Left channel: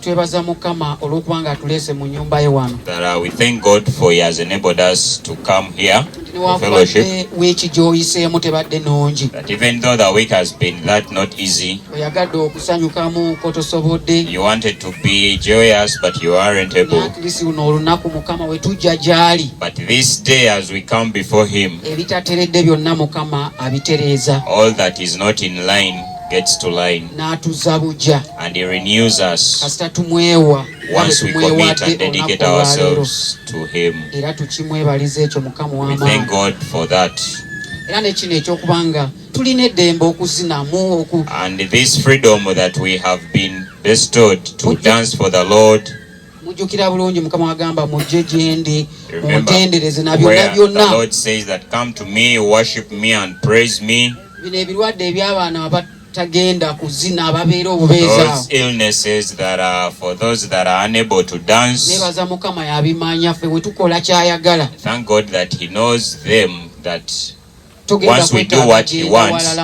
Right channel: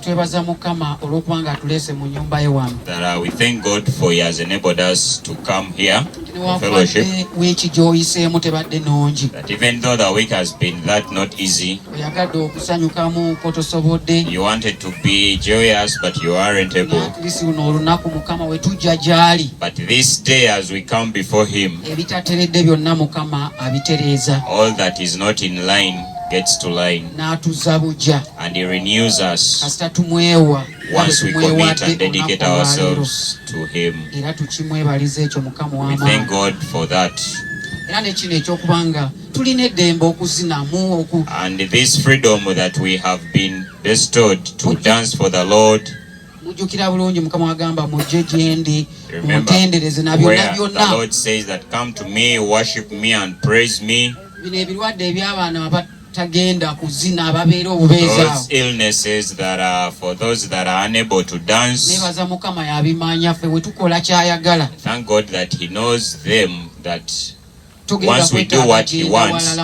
twebaza Mukama olw'okubanga atulese mu nyumba ye wano. That we thank God for He has enabled us to come here for fellowship. Weeki gy'oyiseemu tebadde nnungi. That even though the week has been that not easy, oyagadde okusanyukamu kotosobodde. You wanted to be joyous but you aren't able. Naatulisi luno olunaku Mukama we tujja gy'ali. But this day as we come before Him, ebitateredde byonna Mukama abitereeza. All that is not in line gets to line. N'atuzza bujja. And He renews us. Kasita tumwewa. Once we commit and dedicate ourselves to Him. Era tukimwebaliza ekyo Mukama w'amaanyi. We thank God for that. Era nekino ekyokubanga tulina eddembe okuzinamu and this freedom that we have been bestowed to dance for the Lord. Mujjukira bulungi Mukama agamba mujje gye ndi muntendereze na byonna byonna. The Lord says that come to me, worship me and praise me. Bino ebirwadde eby'abaana abatagenda kuzina ababeera obubeeza. Those illnesses that are for those that are unable to dance. Nebaza Mukama yabimanya ffe bwe tukola kyayagala. Thank God that He knows them, that once we do what He wants,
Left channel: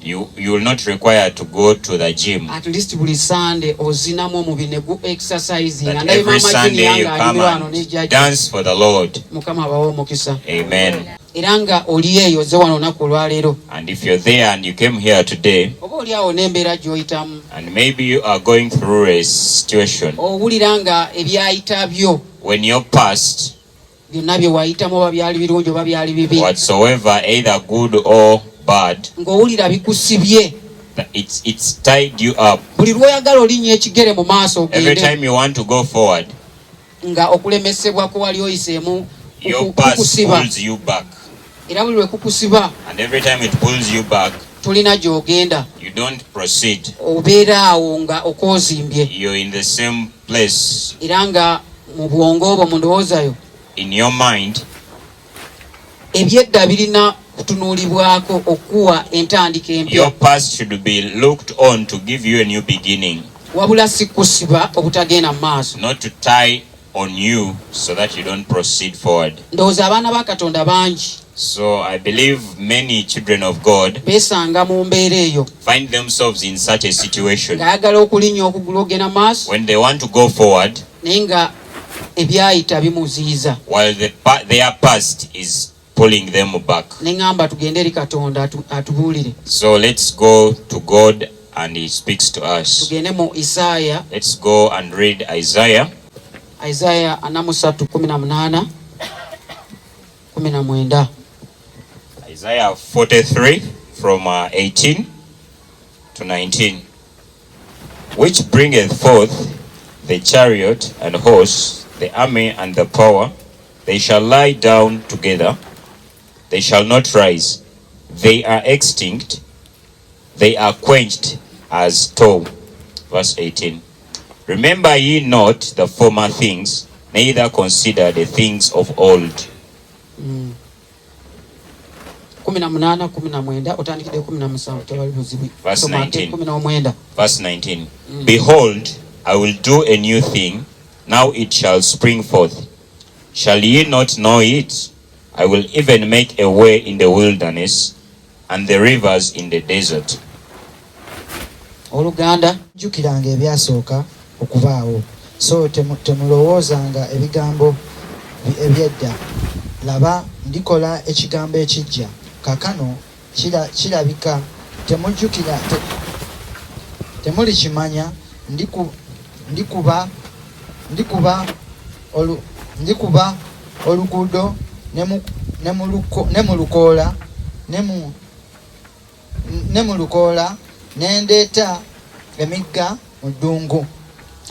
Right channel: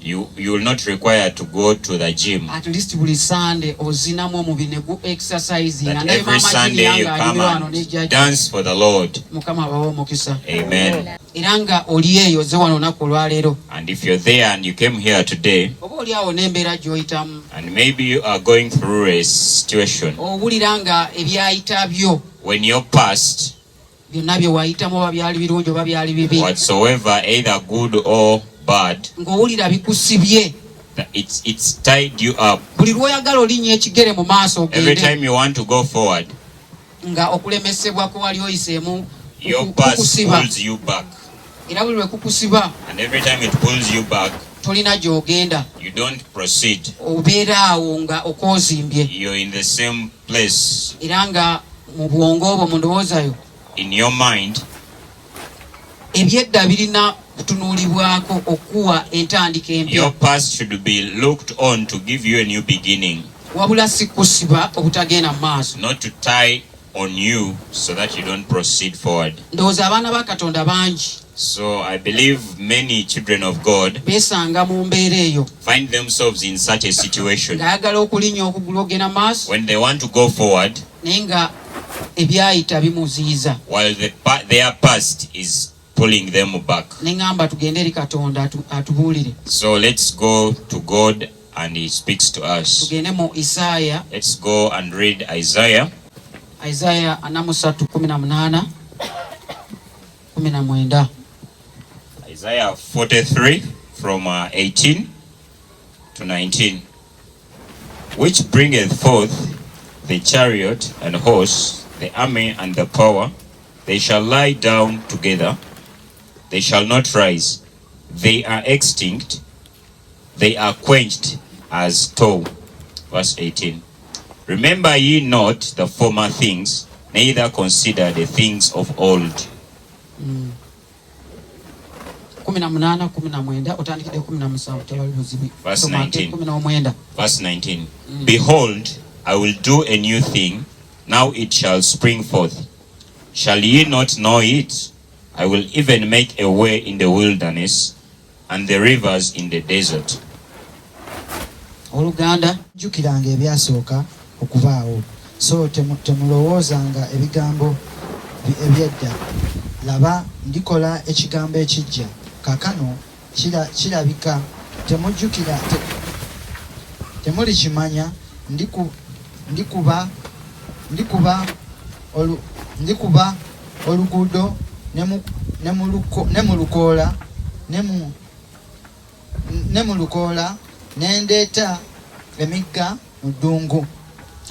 you will not require to go to the gym. At least buli Sunday ozinamu mu binegu exercising. That every Sunday you come and dance for the Lord. Mukama abawe omukisa. Amen. Era nga oli eyo ozze wano olunaku olwaleero. And if you're there and you came here today, oba oli awo n'embeera gy'oyitamu, and maybe you are going through a situation, owulira nga ebyayita byo when you're past, byonna bye wayitamu oba byali birungi oba byali bibi, whatsoever, either good or bad, ng'owulira bikusibye, it's tied you up. Buli lw'oyagala olinnya ekigere mu maaso ogende, every time you want to go forward, nga okulemesebwa ko wali oyiseemu your past pulls you back. Era buli lwe kukusiba, and every time it pulls you back, tolina gy'ogenda, you don't proceed. Obeera awo nga okoozimbye. You're in the same place. Era nga mu bwongo obwo mu ndowoozayo, in your mind, ebyedda birina kutunuulibwako okuwa entandika empya. Your past should be looked on to give you a new beginning. Wabula si kusiba obutagenda mu maaso. Not to tie on you so that you don't proceed forward. Ndowooza abaana ba Katonda bangi. So I believe many children of God beesanga mu mbeera eyo, find themselves in such a situation ng'ayagala okulinnya okugulu ogenda maaso, when they want to go forward, naye nga ebyayita bimuziyiza. while their past is pulling them back. Ne ngamba tugende eri Katonda atubuulire. So let's go to God and He speaks to us. Tugende mu Isaaya. Let's go and read Isaiah. Isaiah 43:18 19. Isaiah 43 from 18 to 19. Which bringeth forth the chariot and horse, the army and the power, they shall lie down together, they shall not rise. They are extinct, they are quenched as tow. Verse 18. Remember ye not the former things, neither consider the things of old. 18:19 otandikidde 17 tewali buzibu. Verse 19. 19. Verse 19. Behold, I will do a new thing, now it shall spring forth. Shall ye not know it? I will even make a way in the wilderness, and the rivers in the desert. Oluganda jukiranga ebyasooka okubaawo, so temulowoozanga ebigambo ebyedda. Laba ndikola ekigambo ekijja, kakano kirabika temujjukira, temulikimanya. Ndikuba oluguudo ne mu lukoola, nendeeta emigga mu ddungu.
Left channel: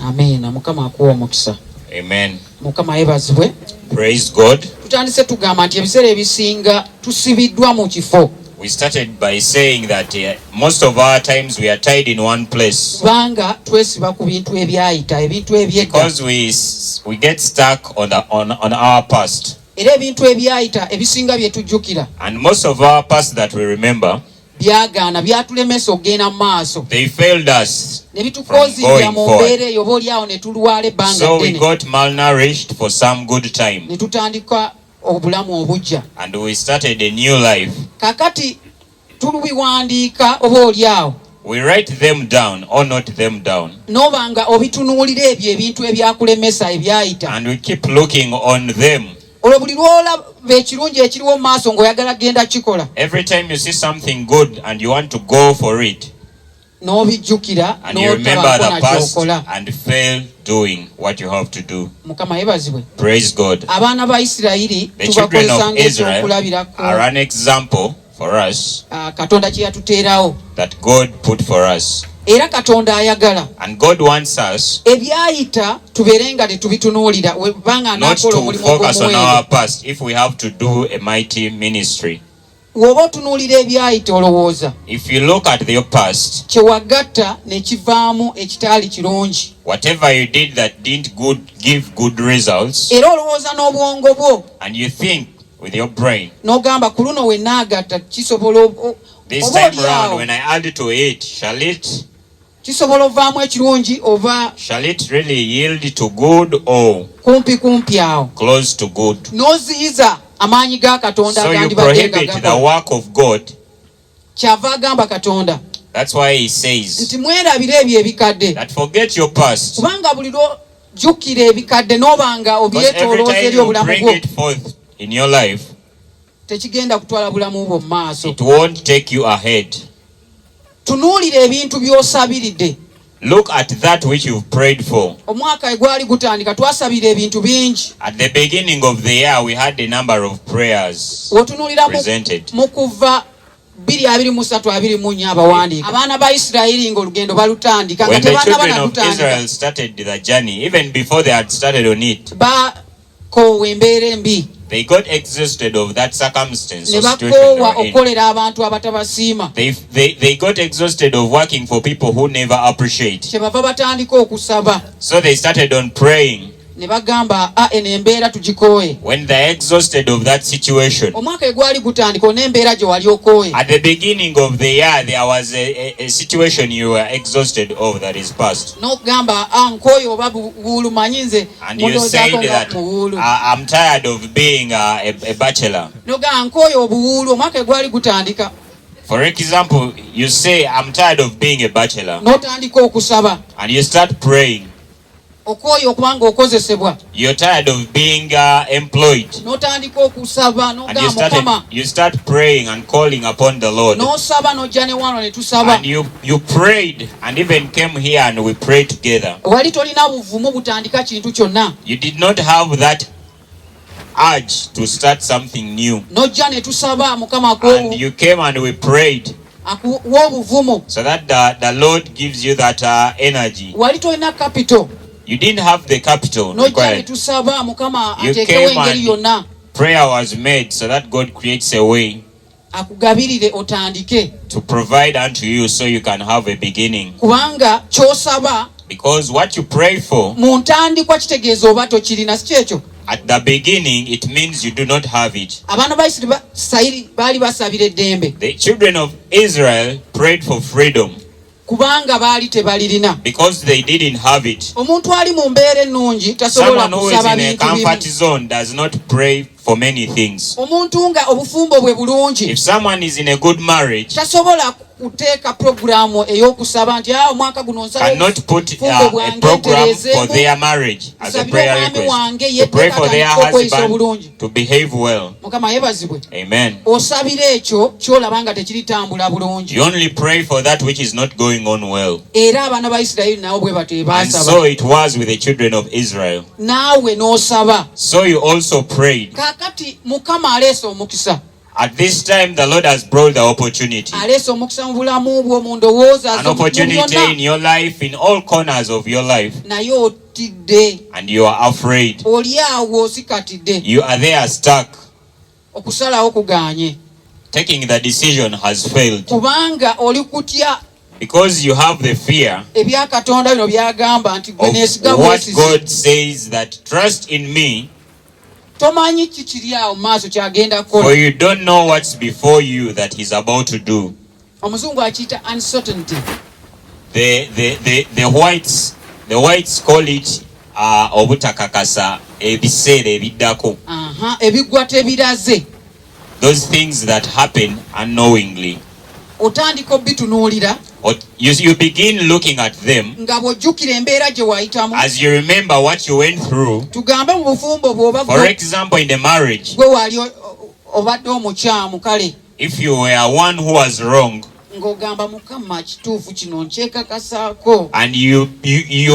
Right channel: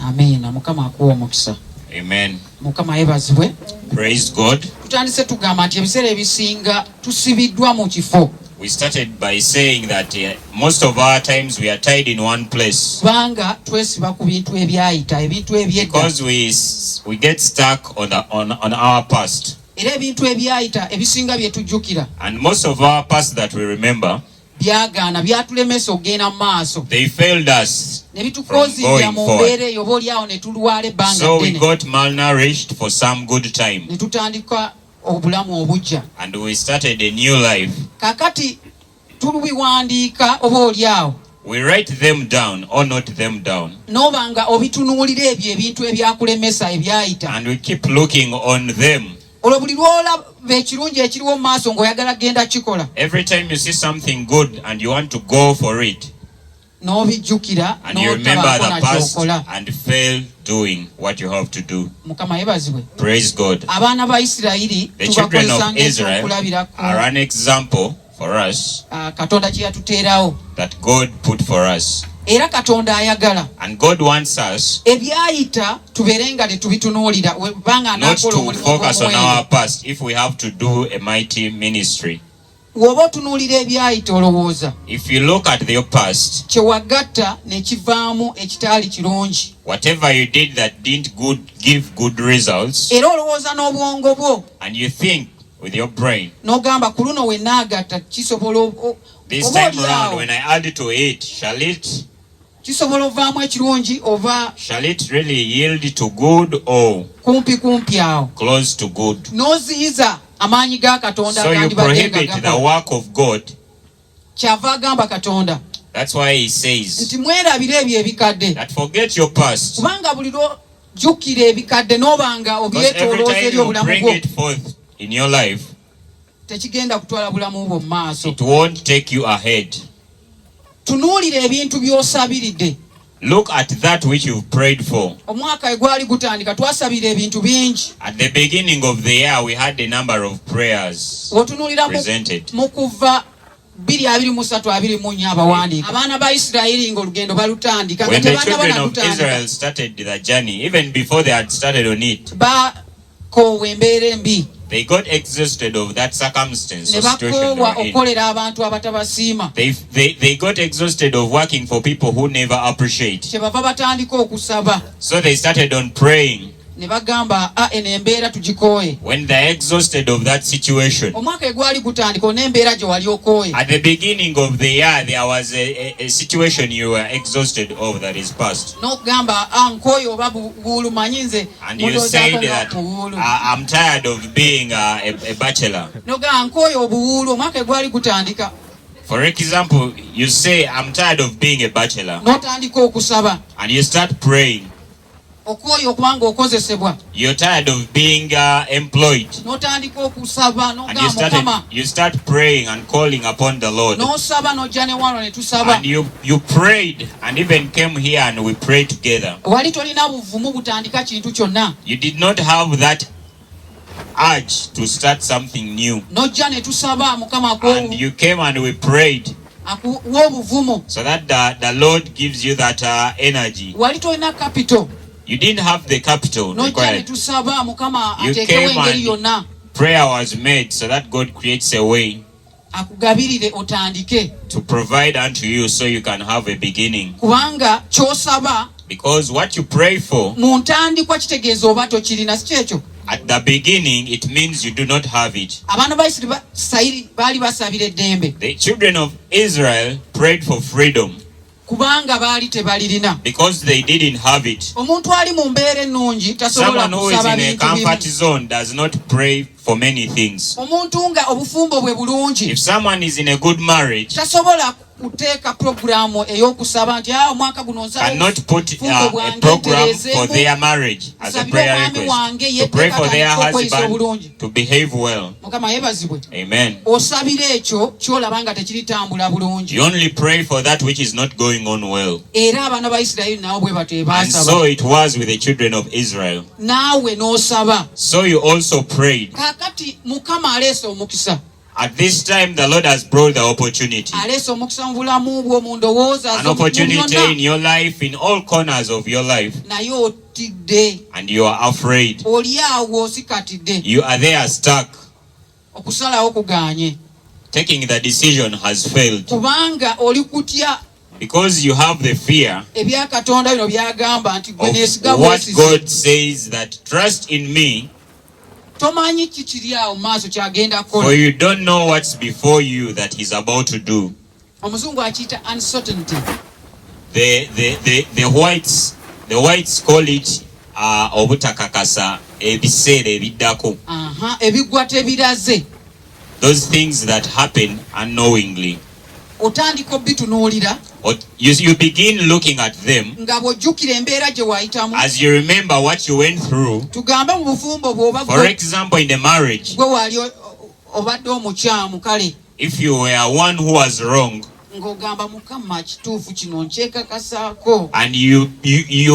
Amiina. Mukama akuwa omukisa. Amen. Mukama yebazibwe. Praise God. Tutandise tugamba nti ebiseera ebisinga tusibiddwa mu kifo. We started by saying that most of our times we are tied in one place. Kubanga twesiba ku bintu ebyayita, ebintu ebyedda. Because we get stuck on our past. Era ebintu ebyayita ebisinga bye tujjukira. And most of our past that we remember, byagaana byatulemesa okugenda mu maaso. They failed us from going forward. So we got malnourished for some good time. Ne tutandika obulamu obujja. And we started a new life. Kakati tulubiwandiika oba oli awo. We write them down or note them down. N'obanga obitunuulira ebyo ebintu ebyakulemesa ebyayita. And we keep looking on them. Olwo buli lwolaba ekirungi ekiriwo mu maaso ng'oyagala genda kikola. Every time you see something good and you want to go for it. N'obijjukira and you remember the past n'okola. and fail doing what you have to do. Mukama yebazibwe. Praise God. Abaana ba Isirayiri The children of tubakozesa Israel ng'ekyokulabirako. are an example for us Katonda kye yatuteerawo. that God put for us. Era Katonda ayagala And God wants us ebyayita tubeere nga tetubitunuulira webanga not anaakola to omulimu focus on our ogw'omuwendo. past if we have to do a mighty ministry. Bw'oba otunuulira ebyayita olowooza If you look at your past, kye wagatta ne kivaamu ekitaali kirungi. whatever you did that didn't give good results, Era olowooza n'obwongo bwo and you think with your brain, n'ogamba ku luno we naagatta kisobola this oba time around olyawo when I add to it, kisobola ovaamu ekirungi oba shall it really yield to good or kumpi awo. close to good? N'oziyiza amaanyi ga Katonda So you agandibadde prohibit nga the gakola. work of God. Kyava agamba Katonda That's why he says nti mwerabire ebyo ebikadde that forget your past. kubanga buli lwojjukira ebikadde n'obanga Because every obyetolooza time eri you obulamu bring bwo it forth in your life, tekigenda kutwala bulamu bwo mu maaso. it won't take you ahead. Tunuulira ebintu by'osabiridde. Look at that which you've prayed for. Omwaka egwali gutandika twasabira ebintu bingi. At the beginning of the year, we had a number of prayers Otunuulira presented. mu kuva 2:23-24 abawandiika. Abaana ba Isirayiri ng'olugendo balutandika nga When the tebanaba children na of kutandika. Israel started the journey, even before they had started on it, Bakoowa embeera embi. they got exhausted of that circumstance Ne or situation they bakoowa were in. okukolera abantu abatabasiima. They got exhausted of working for people who never appreciate. Kyebava batandika okusaba. So they started on praying. Ne bagamba eno embeera tugikooye. When they're exhausted of that situation, Omwaka egwali gutandika n'embeera gye wali okooye. at the beginning of the year, there was a situation you were exhausted of that is past. N'okugamba nkooye oba buwuulu manyi nze And you said that buwuulu. I'm tired of being a bachelor. N'ogamba nkooye obuwuulu omwaka egwali gutandika. For example, you say, I'm tired of being a bachelor. N'otandika okusaba. And you start praying. Okooye okubanga okozesebwa. You're tired of being employed. N'otandika okusaba And n'ogamba Mukama. you start praying and calling upon the Lord. N'osaba n'ojja ne wano ne tusaba. And you prayed and even came here and we prayed together. Wali tolina buvumu butandika kintu kyonna. You did not have that urge to start something new. N'ojja ne tusaba Mukama And you came and we prayed akuwa obuvumu. so that the Lord gives you that energy. Wali tolina capital. You didn't have the capital N'ojja ne required. tusaba Mukama You ateekewo came engeri and yonna. prayer was made so that God creates a way Akugabirire otandike. to provide unto you so you can have a beginning. Kubanga ky'osaba Because what you pray for, mu ntandikwa kitegeeza oba tokirina, si kyekyo. at the beginning, it means you do not have it. Abaana ba Isirayiri baali basabira eddembe The children of Israel prayed for freedom kubanga baali tebalirina. because they didn't have it. Omuntu ali mu mbeera ennungi tasobola Someone who is kusaba in a bintu comfort bimu. zone does not pray for many things. Omuntu nga obufumbo bwe bulungi If someone is in a good marriage, tasobola kuteeka puroguramu ey'okusaba nti omwaka guno nsaba cannot put obufumbo a bwange program for ntereezeemu. their marriage as a Nsabira prayer omwami request, wange ye to pray for their twekatandika okweyisa husband obulungi. to behave well. Mukama yebazibwe. Amen. Osabira ekyo ky'olaba nga tekiritambula bulungi. You only pray for that which is not going on well. Era abaana ba Isirayiri nabo bwe batyo bye And baasaba. so it was with the children of Israel. Naawe n'osaba. So you also prayed. Kaakati Mukama aleese omukisa. At this time, the Lord has brought the opportunity. Aleese omukisa mu bulamu bwo, mu ndowooza An zo, mu opportunity in byonna. your life, in all corners of your life. Naye otidde. And you are afraid. Oli awo osikatidde. You are there stuck. Okusalawo kugaanye. Taking the decision has failed. Kubanga oli kutya Because you have the fear ebya Katonda bino byagamba nti gwe of neesiga what bwesizi. God says, that trust in me, Tomanyi kikiri awo mu maaso kyagenda for kukola. you don't know what's before you that he's about to do. Omuzungu akiyita uncertainty. The whites call it obutakakasa ebiseera ebiddako. Ebiggwa tebiraze. Those things that happen unknowingly. otandika obitunuulira or you begin looking at them nga bw'ojjukira embeera gye wayitamu. as you remember what you went through. Tugambe mu bufumbo bw'oba For example, in the marriage, gwe wali obadde omukyamu kale if you were one who was wrong, ng'ogamba Mukama kituufu kino nkyekakasaako. and you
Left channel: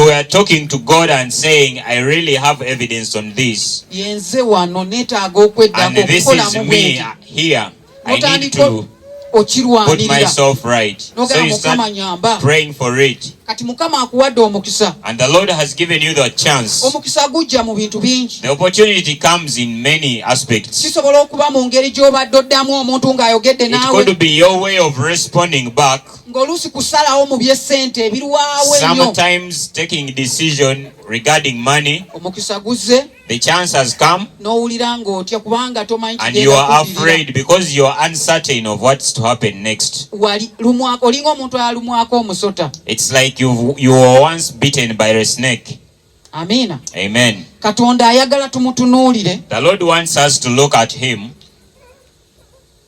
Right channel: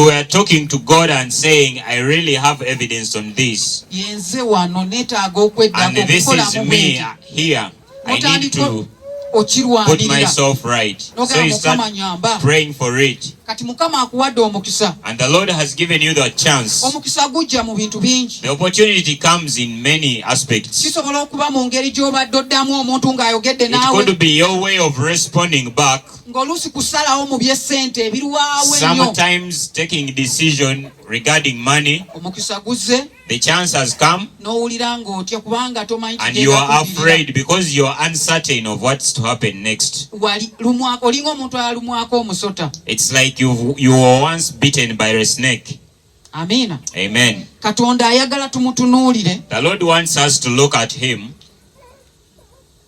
were talking to God and saying, I really have evidence on this, Yenze wano neetaaga okweddako and this is okukolamu me bweki. here. I need Otandika to put okirwanirira. myself right. So N'ogamba you Mukama start nyamba. praying for it. Kati Mukama akuwadde omukisa. And the Lord has given you the chance. Omukisa gujja mu bintu bingi. The opportunity comes in many aspects. Kisobola okuba mu ngeri gy'obadde oddamu omuntu ng'ayogedde It naawe. could be your way of responding back. Ng'oluusi kusalawo mu by'essente ebirwawo ennyo. Sometimes taking decision regarding money. Omukisa guzze The chance has come n'owulira ng'otya kubanga tomanyi and you are kigenda kuviirira. afraid because you are uncertain of what's to happen next. Olinga omuntu alumwako omusota. It's like you were once bitten by a snake. Amiina. Amen. Katonda ayagala tumutunuulire. The Lord wants us to look at Him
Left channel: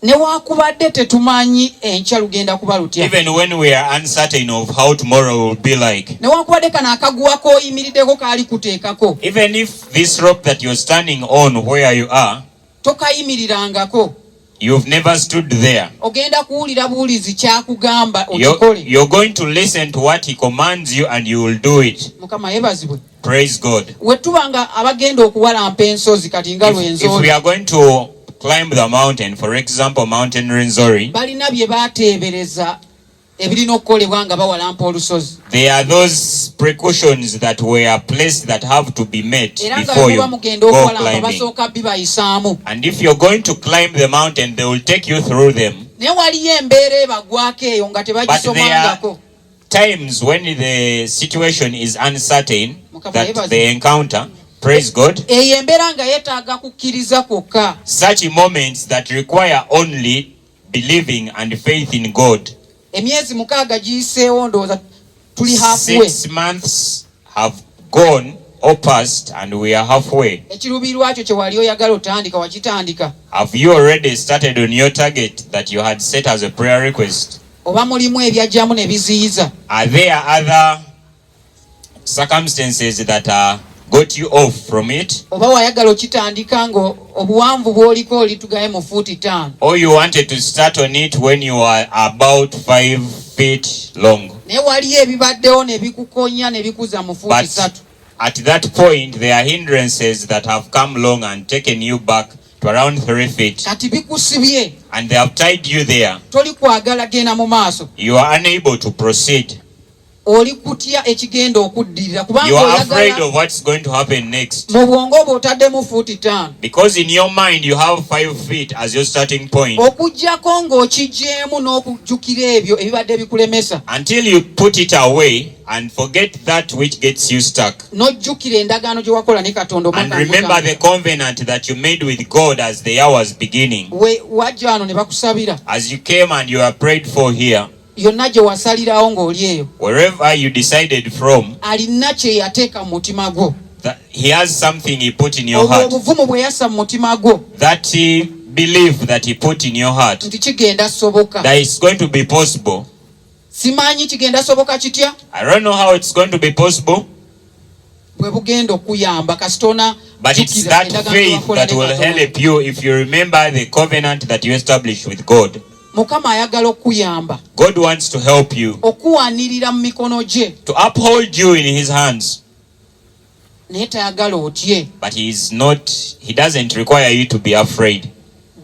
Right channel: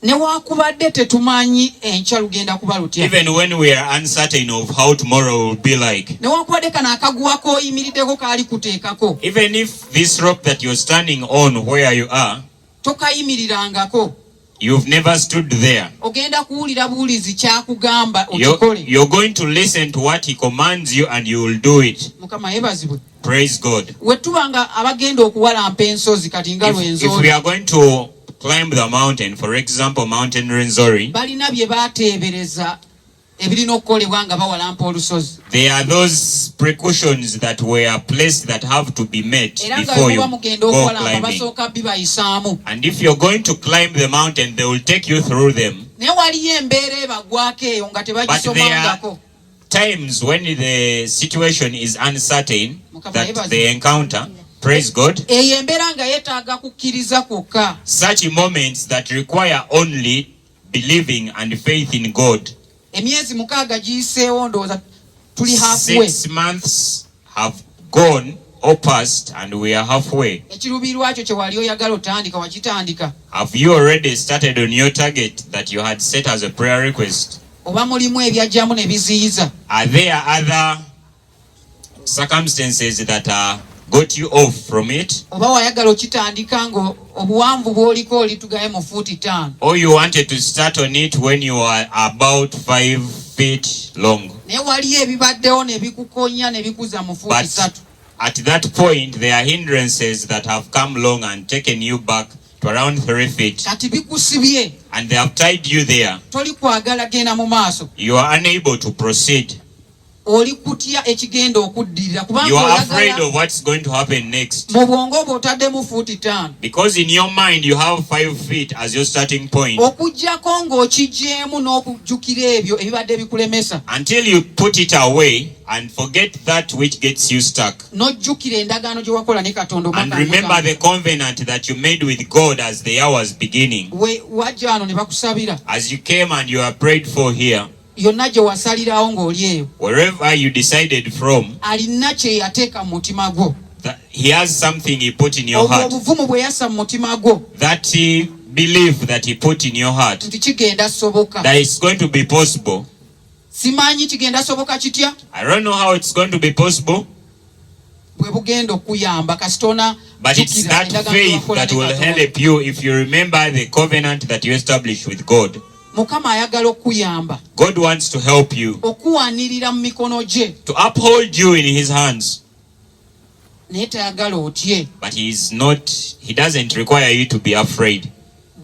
Newaakubadde tetumanyi enkya lugenda kuba lutya. even when we are uncertain of how tomorrow will be like. Newaakubadde kano akaguwa k'oyimiriddeko kaali kuteekako. Even if this rope that you're standing on where you are, Tokayimirirangako. you've never stood there. Ogenda kuwulira buwulizi kyakugamba okikole. You're going to listen to what He commands you and you will do it. Mukama yeebazibwe. Praise God. We tubanga abagenda okuwalampa ensozi kati nga If we lwenzooli. are going to climb the mountain, for example, Mountain Rwenzori, Balina bye baateebereza ebirina okukolebwa nga bawalampa olusozi. there are those precautions that were placed that have to be met Era nga before you bwe mugenda go okuwalampa climbing. basooka bibayisaamu. And if you're going to climb the mountain, they will take you through them. Naye waliyo embeera ebagwako eyo nga But there are tebagisomangako. times when the situation is uncertain that they encounter. Praise God. Eyo embeera nga yeetaaga kukkiriza kwokka. Such moments that require only believing and faith in God. Emyezi 6 giyiseewo ndowooza tuli halfway. 6 months have gone or passed and we are halfway. Ekiruubirirwa kyo kye wali oyagala otandika wakitandika. Have you already started on your target that you had set as a prayer request? Oba mulimu ebyajjamu ne biziyiza. Are there other circumstances that got you off from it? Oba wayagala okitandika nga obuwanvu bw'oliko oli tugaye mu fuuti 5. Or you wanted to start on it when you are about 5 feet long? Naye waliyo ebibaddewo ne bikukonya ne bikuza mu fuuti But 3. at that point, there are hindrances that have come along and taken you back to around 3 feet. Kati bikusibye. And they have tied you there. Toli kwagala genda mu maaso. You are unable to proceed. Oli kutya ekigenda okuddirira You kubanga are afraid oyagala of what's going to happen next. mu bwongo bwo otaddemu fuuti 5. Because in your mind, you have 5 feet as your starting point. Okuggyako ng'okiggyemu n'okujjukira ebyo ebibadde bikulemesa. Until you put it away and forget that which gets you stuck. N'ojjukira endagaano gye wakola ne Katonda And omwaka remember mukaaga. the covenant that you made with God as the year was beginning. Wajja wano ne bakusabira. As you came and you are prayed for here, Yonna gye wasalirawo ng'oli eyo. wherever you decided from, Alina kye yateeka mu mutima gwo. that He has something He put in your Obwo heart. obuvumu bwe yassa mu mutima gwo That He belief that He put in your heart, nti kigenda soboka. that it's going to be possible. Simanyi kigenda soboka kitya I don't know how it's going to be possible, bwe bugenda okuyamba kasitona. but it's that faith that will help you if you remember the covenant that you established with God. Mukama ayagala okuyamba God wants to help you, okuwanirira mu mikono gye, to uphold you in His hands, naye tayagala otye. but He doesn't require you to be afraid.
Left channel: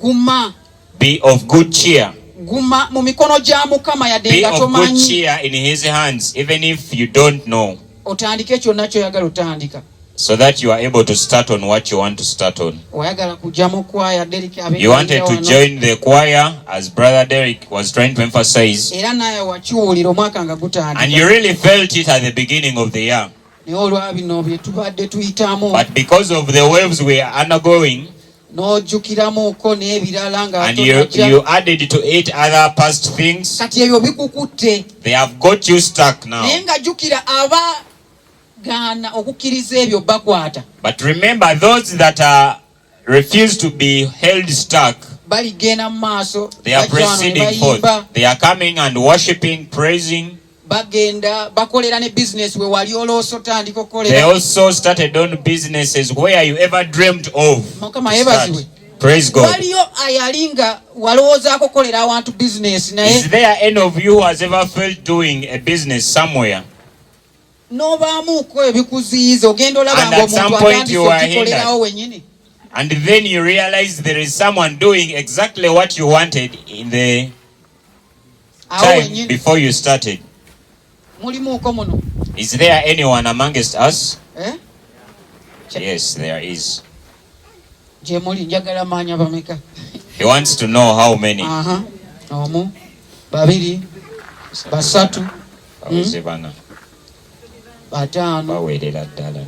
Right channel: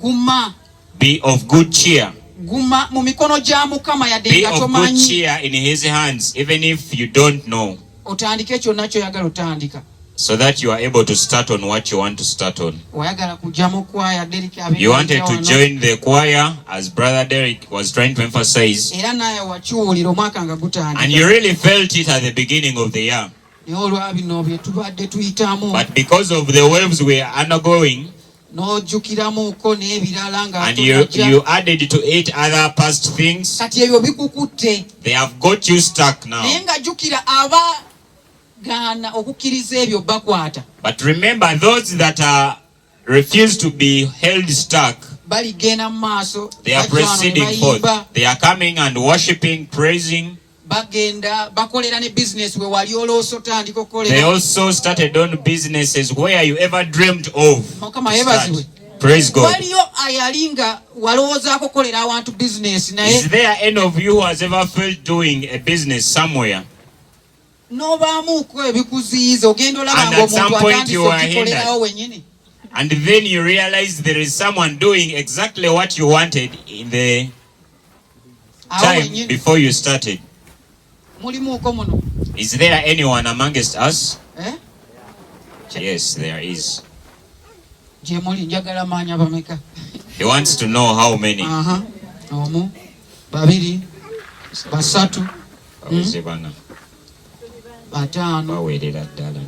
Guma Be of good cheer. mu mikono gya Mukama yadde Be nga of good tomanyi. cheer in His hands, even if you don't know, Otandike kyonna kyoyagala otandika. so that you are able to start on what you want to start on. Oyagala kujja mu kwaya Derek You wanted to join the choir, as Brother Derek was trying to emphasize, era naye wakiwulira omwaka nga and gutandika. you really felt it at the beginning of the year. Naye olwabino bye tubadde tuyitamu But because of the waves we are undergoing, n'ojjukiramuko n'ebirala nga and you added to it other past things, kati ebyo bikukutte. they have got you stuck now. Naye nga jjukira abagaana okukkiriza ebyo bakwata. But remember, those that refuse to be held stuck, baligenda mu maaso, They are proceeding forth. They are coming and worshiping, praising. bagenda bakolera ne business we wali olooso tandika They okukolera. also started on businesses where you ever dreamt of. Mukama to start. yeebazibwe. Praise God. Waliyo ayalinga walowoozaako kukolera awantu business naye Is there any of you who has ever felt doing a business somewhere? n'obaamuuko ebikuziyiza ogenda olaba And at some ng'omuntu point you atandise are okukolerawo hindered. wennyini. And then you realize there is someone doing exactly what you wanted in the Awo time wennyini before you started. mulimuuko muno. Is there anyone amongst us? Eh? Yes, there is. Gye muli njagala maanya bameka. He wants to know how many. Aha. Omu, babiri, basatu, Bana, bataano. baweerera ddala.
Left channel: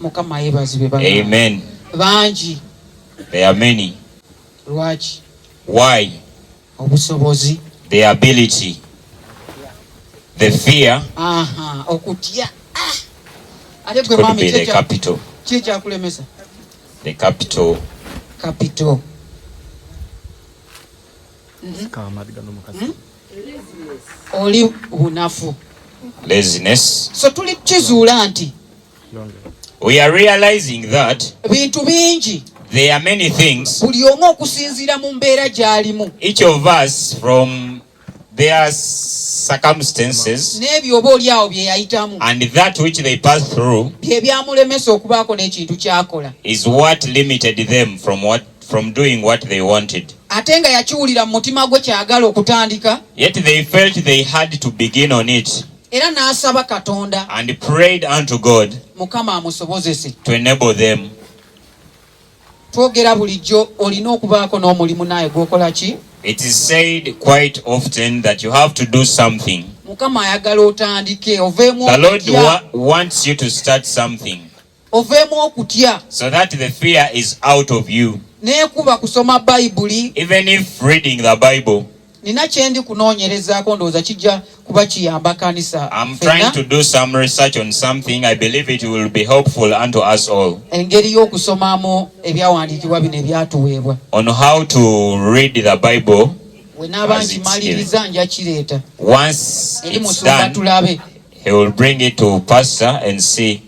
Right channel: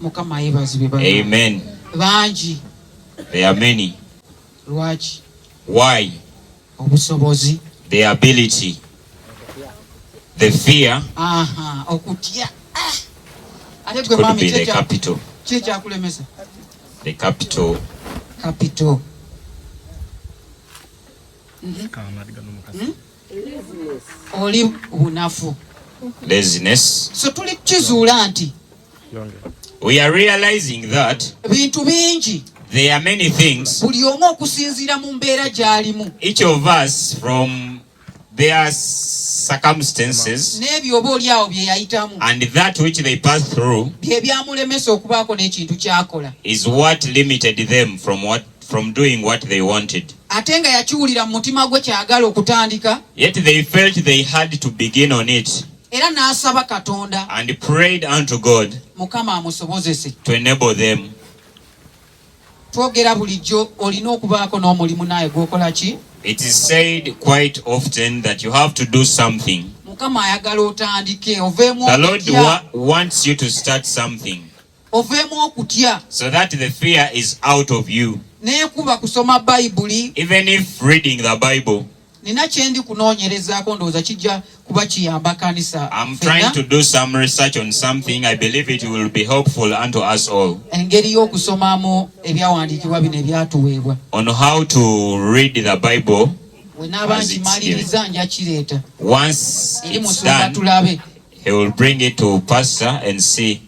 Mukama yeebazibwe bana. Amen. Bangi. There are many. Lwaki? Why? Obusobozi. The ability, the fear Aha. Okutya. Ate gwe could mami be the capital. ki ekyakulemesa? The capital. Capital. Oli bunafu. Laziness. So tuli kizuula nti We are realizing that bintu bingi there are many things, buli omu okusinziira mu mbeera gy'alimu each of us from their circumstances n'ebyo oba oli awo bye yayitamu and that which they pass through bye byamulemesa okubaako n'ekintu ky'akola is what limited them from doing what they wanted. ate nga yakiwulira mu mutima gwe kyagala okutandika Yet they felt they had to begin on it era n'asaba Katonda and prayed unto God Mukama amusobozese. to enable them. Twogera bulijjo olina okubaako n'omulimu naye gw'okola ki? It is said quite often that you have to do something. Mukama ayagala otandike oveemu The Lord okutya, wants you to start something oveemu okutya so that the fear is out of you. n'ekuba kusoma Bayibuli. Even if reading the Bible, Nina kyendi kunoonyerezaako ndowooza kijja kuba kiyamba kanisa I'm ffenna. trying to do some research on something. I believe it will be helpful unto us all Engeri y'okusomamu ebyawandiikibwa bino ebyatuweebwa. on how to read the Bible. We naaba nkimaliriza nja kireeta Once eri it's musumba done, tulabe. he will bring it to pastor and see.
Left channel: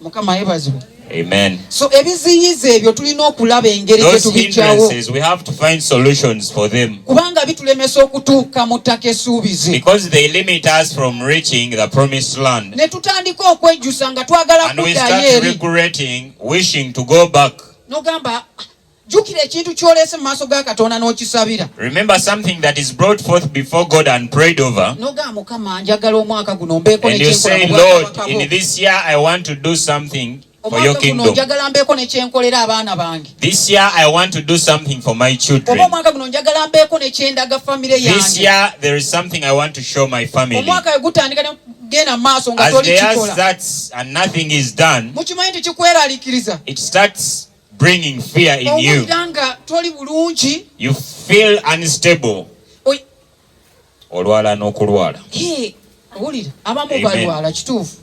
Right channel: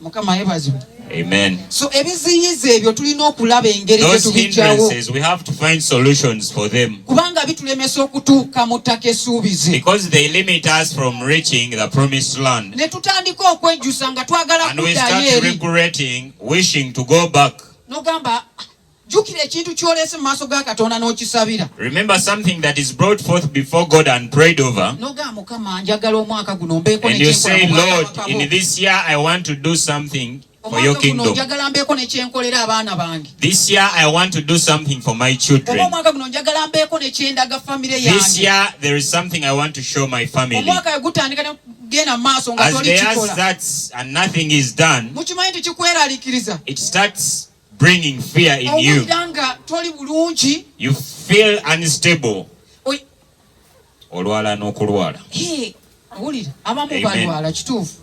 Mukama yeebazibwe. Amen. So ebiziyiza ebyo tulina okulaba engeri gye Those tubijjawo hindrances, we have to find solutions for them kubanga bitulemesa okutuuka mu ttaka essuubize. because they limit us from reaching the promised land. Ne tutandika okwejjusa nga twagala And we start kuddayo eri. regretting, wishing to go back. N'ogamba jjukira ekintu ky'oleese mu maaso ga Katonda n'okisabira. Remember something that is brought forth before God and prayed over. N'ogamba Mukama njagala omwaka guno mbeeko And you say, nekyenkola mu Lord, bwakabaka in bwo. this year I want to do something for your Omwaka guno kingdom. njagala mbeeko nekyenkolera abaana bange. This year I want to do something for my Oba children. omwaka guno njagala mbeeko nekyendaga famire This yange. year there is something I want to show my family. Omwaka we gutandika ne genda mu maaso nga As toli they ask kikola. that and nothing is done, Mukimanyi nti kikweraliikiriza. it starts bringing fear in you. Owulira nga toli bulungi. You feel unstable. Oy- Olwala n'okulwala. Owulira abamu Amen. balwala kituufu.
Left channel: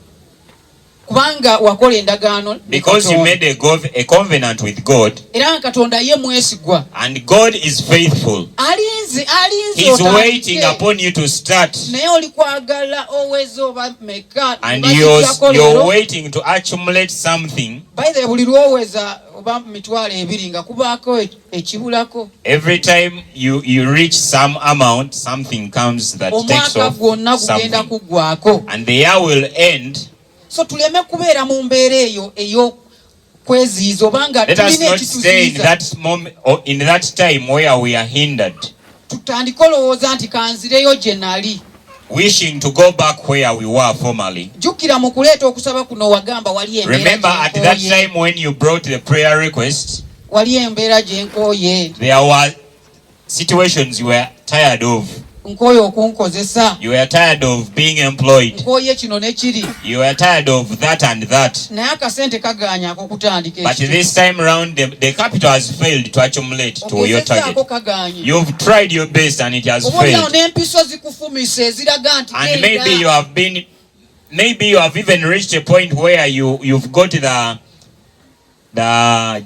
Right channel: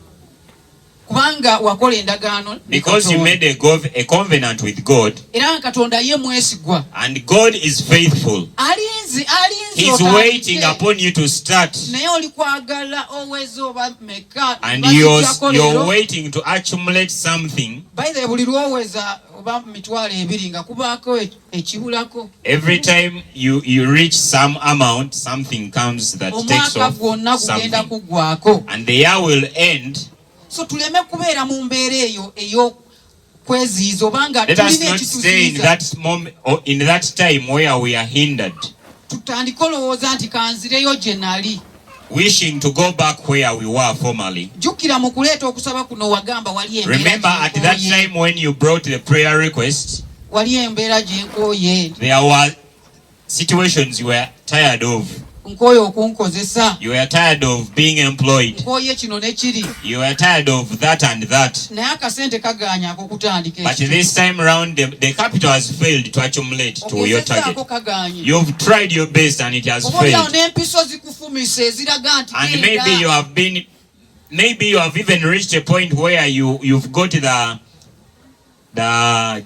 Kubanga wakola endagaano ne Because you Katonda. made a covenant with God Era nga Katonda ye mwesigwa. and God is faithful. Alinze He's otandike. waiting upon you to start. Naye oli kwagala oweze oba meka And bazijjako you're leero. waiting to accumulate something. By the way, buli lwoweza oba mitwalo ebiri nga kubaako ekibulako. Every time you reach some amount, something comes that takes Omwaka off gwonna gugenda something. kuggwako. And the year will end. So tuleme kubeera mu mbeera eyo ey'okweziyiza obanga Let us tulina not stay in ekituziyiza. that moment or in that time where we are hindered, Tutandike olowooza nti kanzireyo gye nali. wishing to go back where we were formerly. Jjukira mu kuleeta okusaba kuno wagamba wali embeera Remember at that gye time when you brought the prayer request, wali embeera gye nkooye. there were situations you were tired of. Nkooye okunkozesa. You were tired of being employed. Nkooye kino ne kiri. You were tired of that and that. Naye akasente kagaanyaako kutandika But this time around, the capital has failed to accumulate to your target. ogezesaako kagaanye. You've tried your best and it has Oboolyawo failed. n'empiso zikufumisa eziraga nti And maybe you have even reached a point where you've got the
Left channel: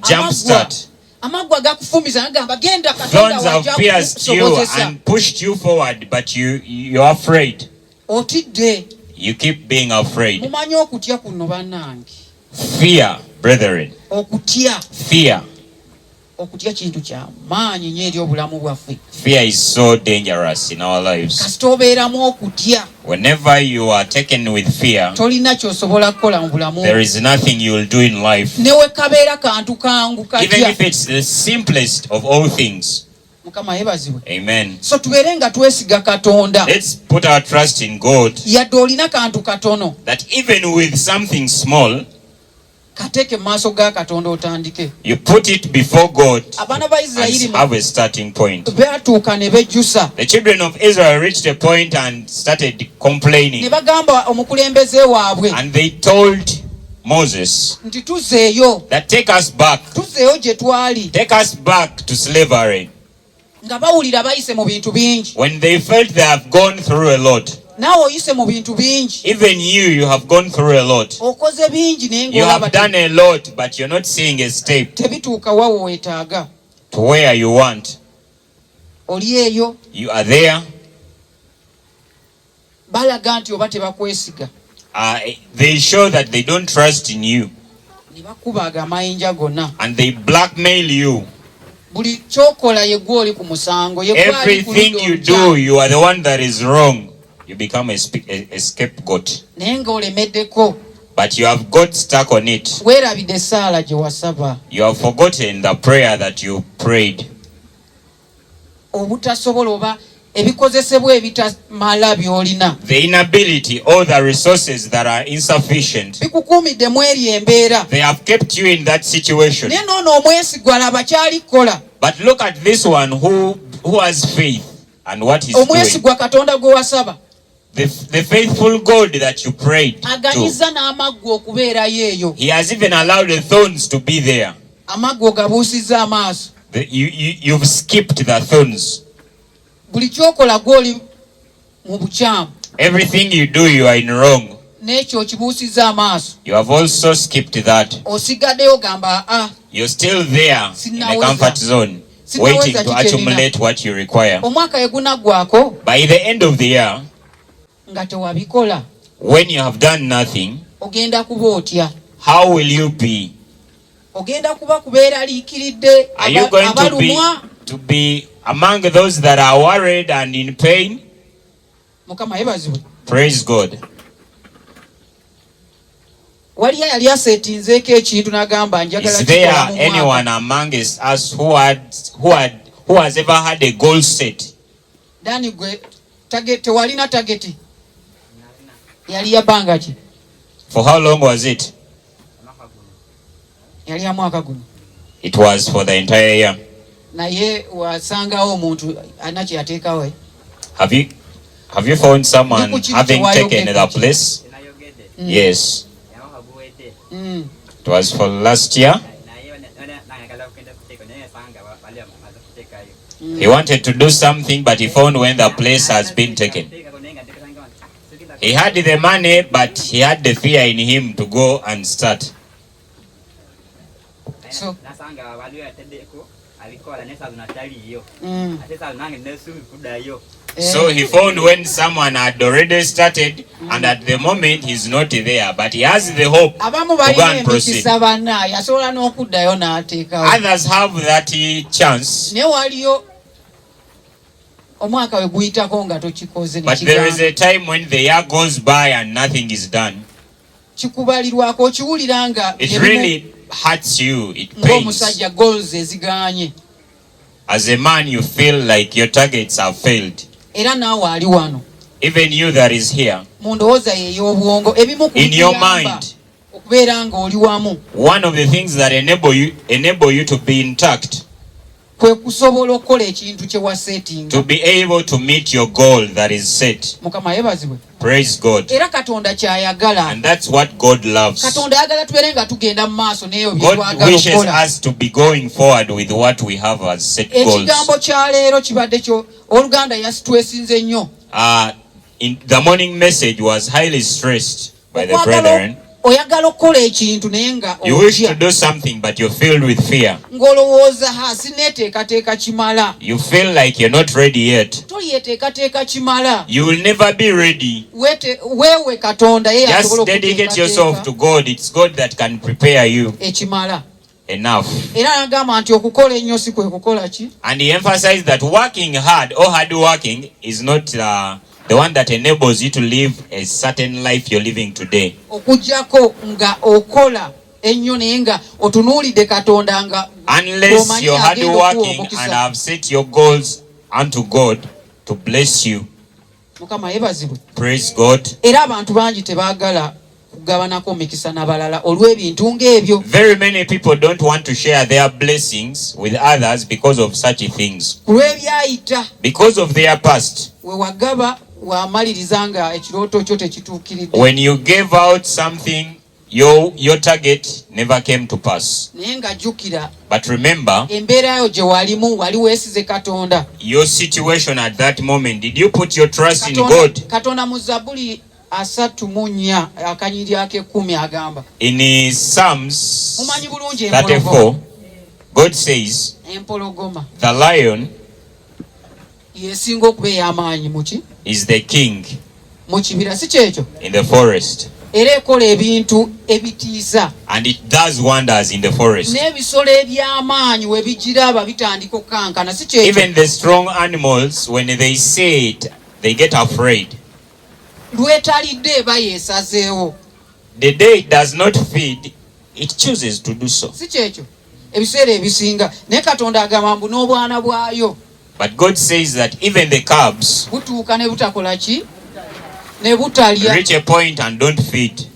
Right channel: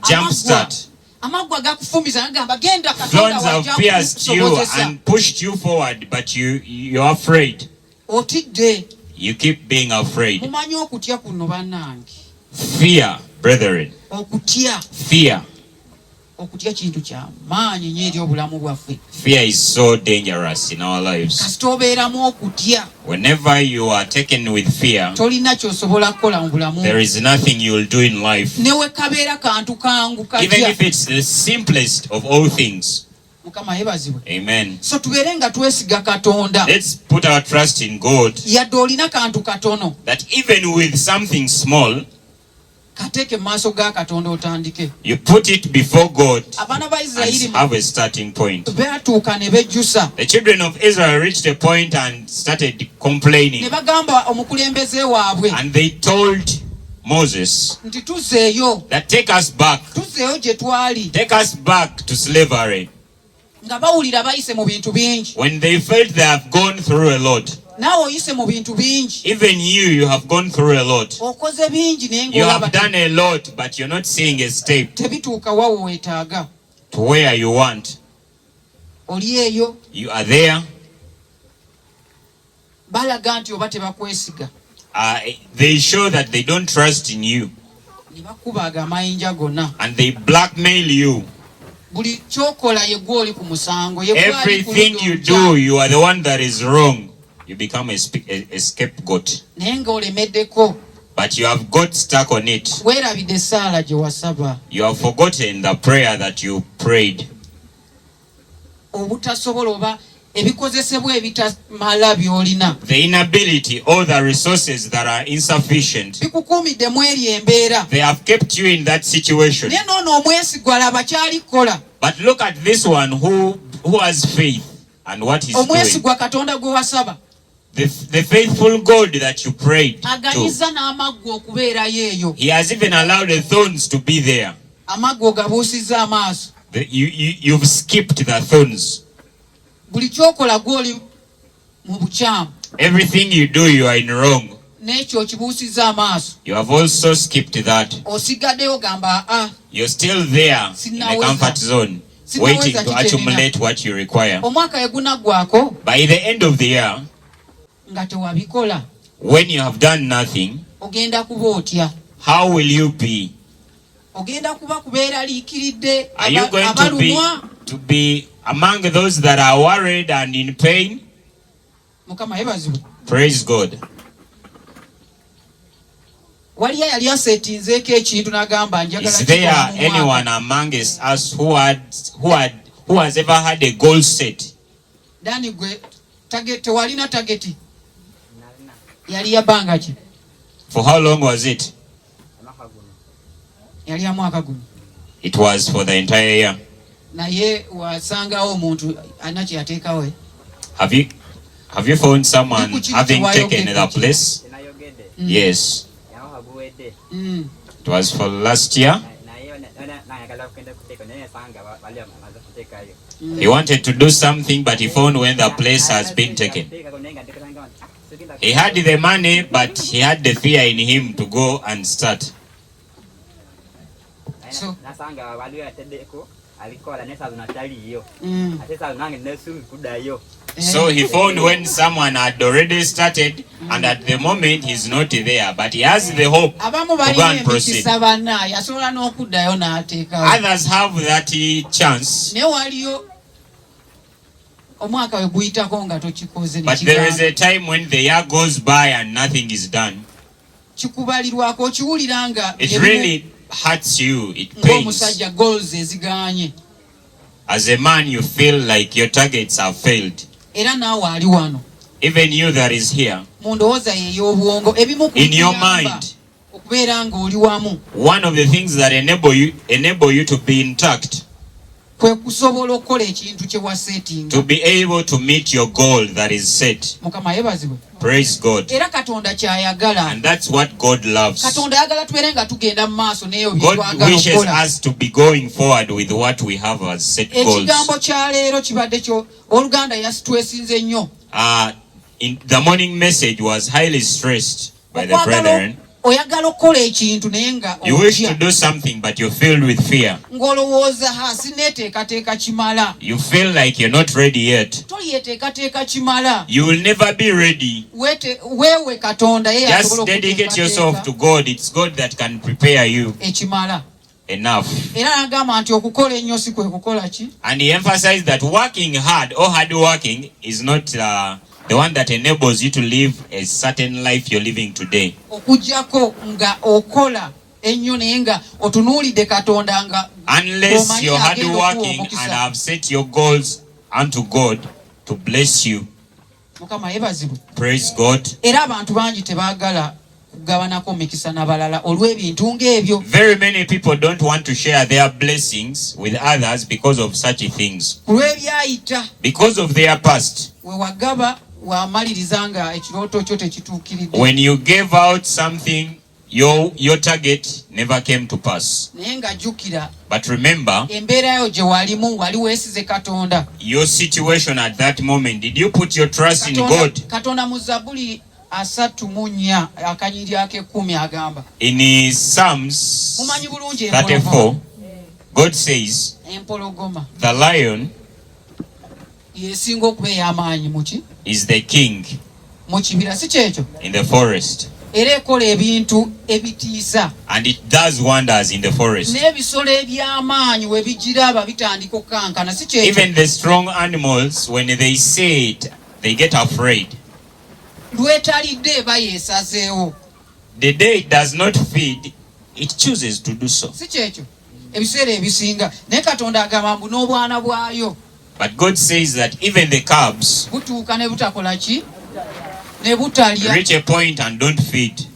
jump start. amagwa agakufumiza agamba genda Katonda Thorns have pierced you and pushed you forward, but you're afraid. Otidde. You keep being afraid. Mumanyi okutya kuno bannange. Fear, brethren. Okutya. Fear. Okutya kintu kya maanyi nnyo eri obulamu bwaffe. Fear is so dangerous in our lives. Kasita obeeramu okutya. Whenever you are taken with fear, tolina ky'osobola kukola mu bulamu. there is nothing you will do in life. Ne we kabeera kantu kangu katya. Even if it's the simplest of all things. Mukama yeebazibwe. Amen. So tubeere nga twesiga Katonda. Let's put our trust in God. Yadde olina kantu katono. That even with something small, kateeke mu maaso ga Katonda otandike. you put it before God Abaana ba Isirayiri and have a starting point. beatuuka ne bejjusa. The children of Israel reached a point and started complaining. Ne bagamba omukulembeze waabwe. And they told Moses nti tuzzeeyo. that take us back. Tuzzeeyo gye twali. Take us back to slavery. Nga bawulira bayise mu bintu bingi. When they felt they have gone through a lot. Naawe oyise mu bintu bingi. Even you have gone through a lot. Okoze bingi naye You have ng'olaba done a lot, but you're not seeing a step tebituuka wa weetaaga. to where you want. Oli eyo You are there. balaga nti oba tebakwesiga. They show that they don't trust in you. Ne bakubaaga amayinja gonna. And they blackmail you. Buli kyokola ye gwe oli ku musango. Ye gwe ali ku Everything ludda you olukyamu. do, you are the one that is wrong. You become a scapegoat. Naye ng'olemeddeko. But you have got stuck on it. Weerabidde essaala gye wasaba. You have forgotten the prayer that you prayed. Obutasobola oba ebikozesebwa ebitamala by'olina. The inability, all the resources that are insufficient, Bikukuumidde mu eri embeera. they have kept you in that situation. Naye n'ono omwesigwa laba ky'alikola. But look at this one who has faith and what he's doing. Omwesigwa Katonda gwe wasaba. The faithful God that you prayed to. Aganyiza n'amaggwa okubeerayo eyo. He has even allowed the thorns to be there. Amaggwa gabuusizza amaaso. You've skipped the thorns. Buli kyokola gw'oli mu bukyamu. Everything you do, you are in wrong. N'ekyo kibuusizza amaaso. You have also skipped that. Osigaddeyo ogamba You're still there in a comfort zone, waiting to accumulate what you require. omwaka ye gunaggwako By the end of the year, nga tewabikola. when you have done nothing, Ogenda kuba otya? how will you be? Ogenda kuba kubeeraliikiridde Are you going abalumwa? to be among those that are worried and in pain? Mukama yeebazibwe. Praise God. Waliyo yali aseetinzeeko ekintu n'agamba njagala Is there kikola mu mwaka. anyone amongst us who has ever had a goal set? Dani gwe tewalina tageti? Yali ya bbanga ki? For how long was it? Yali ya mwaka guno. It was for the entire year. Naye wasangawo omuntu alina kye yateekawo. Have you found someone having taken the place? Yes. It was for last year. He wanted to do something, but he found when the place has been taken. He had the money, but he had the fear in him to go and start. So, So he found when someone had already started, and at the moment he's not there, but he has the hope abamu to go balina and proceed. emikisa banna yasobola n'okuddayo n'ateekawo. Others have that chance, Naye waliyo omwaka we guyitako nga tokikoze ne but there is kigamba. a time when the year goes by and nothing is done. Kikubalirwako okiwulira nga It really hurts you, it pains. ng'omusajja goals ezigaanye. As a man, you feel like your targets have failed. Era naawe ali wano Even you that is here, mu ndowooza ye ey'obwongo ebimu ku in your bikuyamba mind, okubeera ng'oli wamu one of the things that enable you to be intact, kwe kusobola okukola ekintu kye waseetinga. to be able to meet your goal that is set. Mukama yeebazibwe. Praise God. Era Katonda ky'ayagala. And that's what God loves. Katonda ayagala tubeere nga tugenda mu maaso n'eyo bye God twagala wishes okukola. us to be going forward with what we have as set goals. Ekigambo kya leero kibadde kyo Oluganda yasitwesinze nnyo. In the morning message was highly stressed by the brethren. oyagala okukola ekintu naye nga You wish to do something, but you're filled with fear. ng'olowooza sineeteekateeka kimala. You feel like you're not ready yet. tolyeteekateeka kimala. You will never be ready. weewe katonda ye Just dedicate yourself to God. It's God that can prepare you ekimala. enough. Era n'agamba nti okukola ennyo si kwe kukola ki. And he emphasized that working hard or hard working is not the one that enables you to live a certain life you're living today. Okujjako nga okola ennyo naye nga otunuulidde katonda nga Unless you're hard working and have set your goals unto God to bless you. Mukama yeebazibwe. Praise God. Era abantu bangi tebaagala kugabanako mikisa n'abalala olw'ebintu ng'ebyo. Very many people don't want to share their blessings with others because of such things. Kulw'ebyayita. Because of their past. We wagaba wamaliriza nga ekirooto kyo tekituukiridde. When you gave out something, your target never came to pass. Naye nga jjukira. But remember, embeera yo gye walimu wali weesize katonda. Your situation at that moment, did you put your trust in God? Katonda mu Zabbuli 34 akanyiri ak'ekumi agamba. In Psalms 34, God says, empologoma the lion yesinga okuba ey'amaanyi muki is the king mu kibira, si kyekyo? in the forest. Era ekola ebintu ebitiisa. And it does wonders in the forest. N'ebisolo eby'amaanyi we bigiraba bitandika okukankana, si kyekyo? Even the strong animals, when they see it, they get afraid. Lwetalidde eba yeesazeewo. The day it does not feed, it chooses to do so. Si kyekyo? Ebiseera ebisinga naye katonda agamba mbu n'obwana bwayo. But God says that even the cubs butuuka ne butakola ki? Ne butalya. reach a point and don't feed.